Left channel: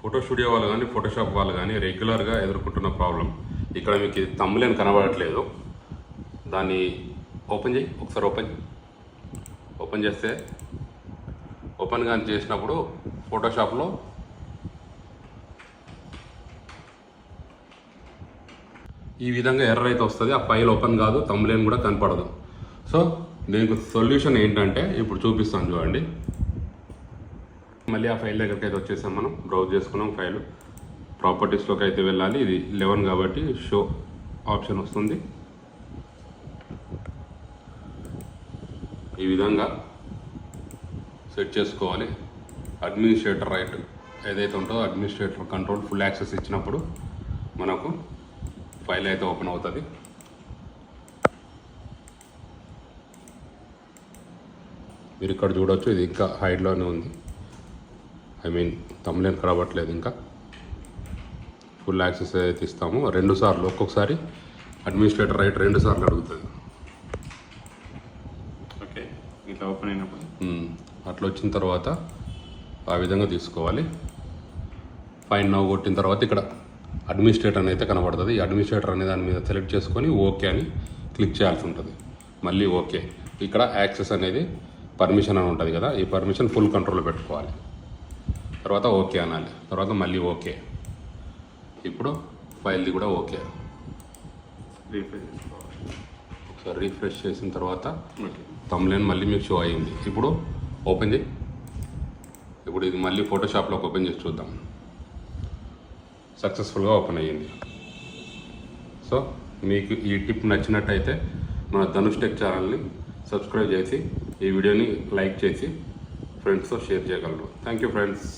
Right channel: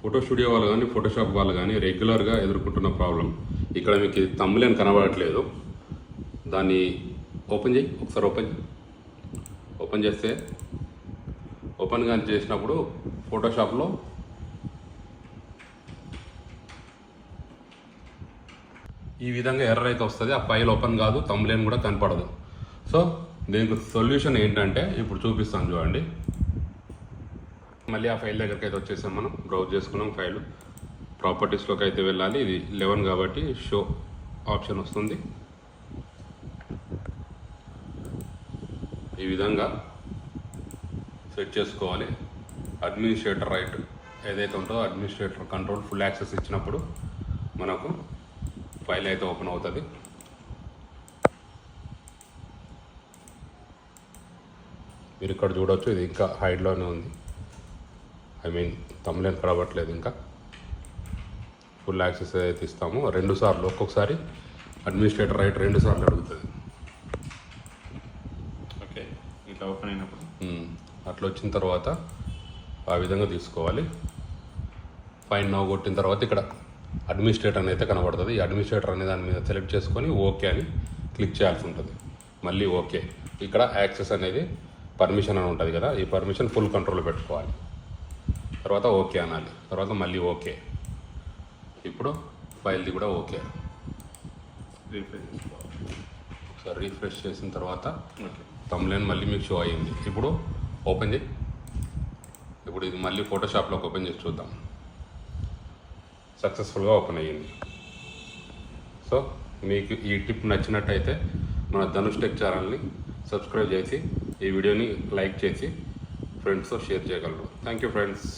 Photo studio వాళ్ళు కానీ Photoshop వాళ్ళు కానీ రెగ్యులర్గా ఎదుర్కొంటున్న ప్రాబ్లం. ఇక్కడ మీకు థంబ్నెయిల్ కనబడట్లేదు, దాన్ని ఓపెన్ చేయి ఒకసారి. ఓపెన్ చేస్తే ఓపెన్ కానీ చేసినప్పుడు ఫోటోషాప్లో ఈ విధంగా ఎర్రర్ అయితే వస్తుంది. ఆ ఫైల్ ఓపెన్ కాదు, థంబ్నెయిల్ కూడా కనపడదు. సో దీనికి సొల్యూషన్ ఏంటంటే ఇప్పుడు చూపిస్తాను చూడండి. మళ్ళీ ఆ ఫైల్ దగ్గరికి అయితే వచ్చేసాం, మనం బ్రౌజ్ చేసుకున్నాం. ఫైల్ ప్రాపర్టీస్లోకి అయితే వెళ్ళాలి. ఇది 11 కాబట్టి షో ఆప్షన్ వస్తుంది. ఈ విధంగా సెట్ చేసుకోవాలి. అడ్మినిస్ట్రేటర్ రైట్ ఏదైతే ఉంటుందో అడ్మినిస్ట్రేటర్ కంట్రోల్ ఫుల్ యాక్సెస్ ఇచ్చినప్పుడు మనకు ఫైల్ అయితే ఓపెన్ అవుతుంది. మీరు ఇక్కడ చూడవచ్చు, ఇది ఇంకా హైడ్లోనే ఉంది. థంబ్నెయిల్ కనబడట్లేదు. ఇంకా ఫుల్ యాక్సెస్ ఏదైతే ఇస్తామో 2 సార్లు, ఒక్కొక్కసారి అడ్మినిస్ట్రేటర్ రైట్ 2 సార్లు అడుగుతుంది. ఓకే, ఇట్లా ఓపెన్ అయినప్పుడు అట్లా వచ్చిన తర్వాత ఆ విధంగా తీసుకోవాలి. ఫైన్ నౌ కొట్టిన తర్వాత ఇక్కడ అడ్మినిస్ట్రేటర్ అయితే కనబడుతుంది. ఈ అడ్మినిస్ట్రేటర్ అనే దాని మీద సెలెక్ట్ చేసుకొని ఓకే అని క్లిక్ చేయాల్సి ఉంటుంది. మళ్ళీ ఓకే, ఇక్కడ యాక్సెస్ అనేది పర్మిషన్ అని ఉంటుంది కదా, ఈ పర్మిషన్ ఫుల్ కంట్రోల్ పెట్టుకోవాలి. తర్వాత ఓకే అనాలి. తర్వాత మళ్ళీ ఓకే. ఇప్పుడు ఫైల్ది కూడా ఓకే. రీఫ్రెష్ చేసిన తర్వాత థంబ్నెయిల్ మళ్ళీ మీకు షో అయ్యింది. ఇప్పుడు ఓపెన్ చేయి. ఇప్పుడు ఇది మళ్ళీ ఫోటోషాప్లోకి ఓపెన్ చేసి చూద్దాం. సక్సెస్ఫుల్గా ఓపెన్ అయ్యింది. సో మీకు ఈ టిప్ నచ్చినట్టయితే మన ధనుష్ టెక్ ఛానల్ని సబ్స్క్రైబ్ చేసి ఈ వీడియోని లైక్ చేసి ఫ్రెండ్స్తో షేర్ చేయగలరు. Thank you friends.